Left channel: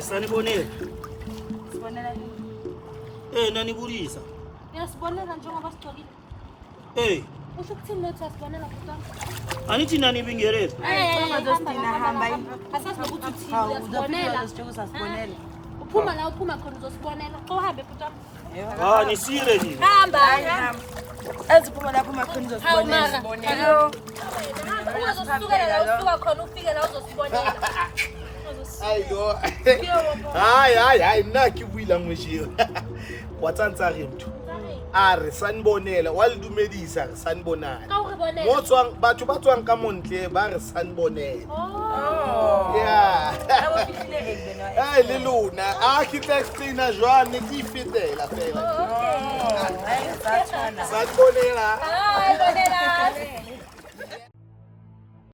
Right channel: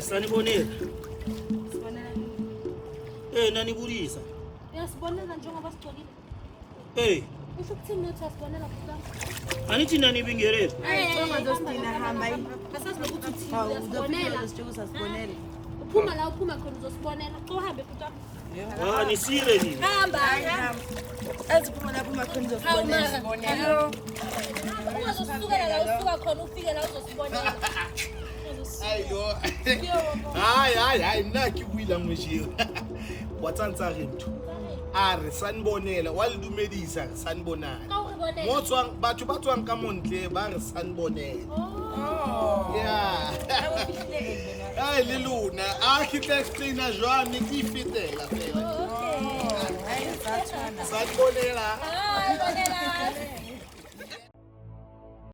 Sanibonela. Nanibulisa. Sibonela njengoba sixolile. Usho ukuthini lethi asibonela futhi? Anithi nani bingereza? Hamba yini? Asazi nokuthi uthini sibonela. Sibonela. Uphuma la uphuma khona uzosibonela. Uhambe futhi. Nisire nini? Hamba. Eziphuma lapho makhona uzosibonela. Hello. Uzosukela la usuka khona ufike la uzosibonela. Ayo. Hayi mina ke buila ngweshio. Watsantsa re mtho. Are sanibonela walidumedisa re sanibonana. Motswang batho ba tswang ka montle ba re sanibonela. Yeah. Ai le lona a ke tla explaina jwane ke fetela fela. Sanibonela. Bonela.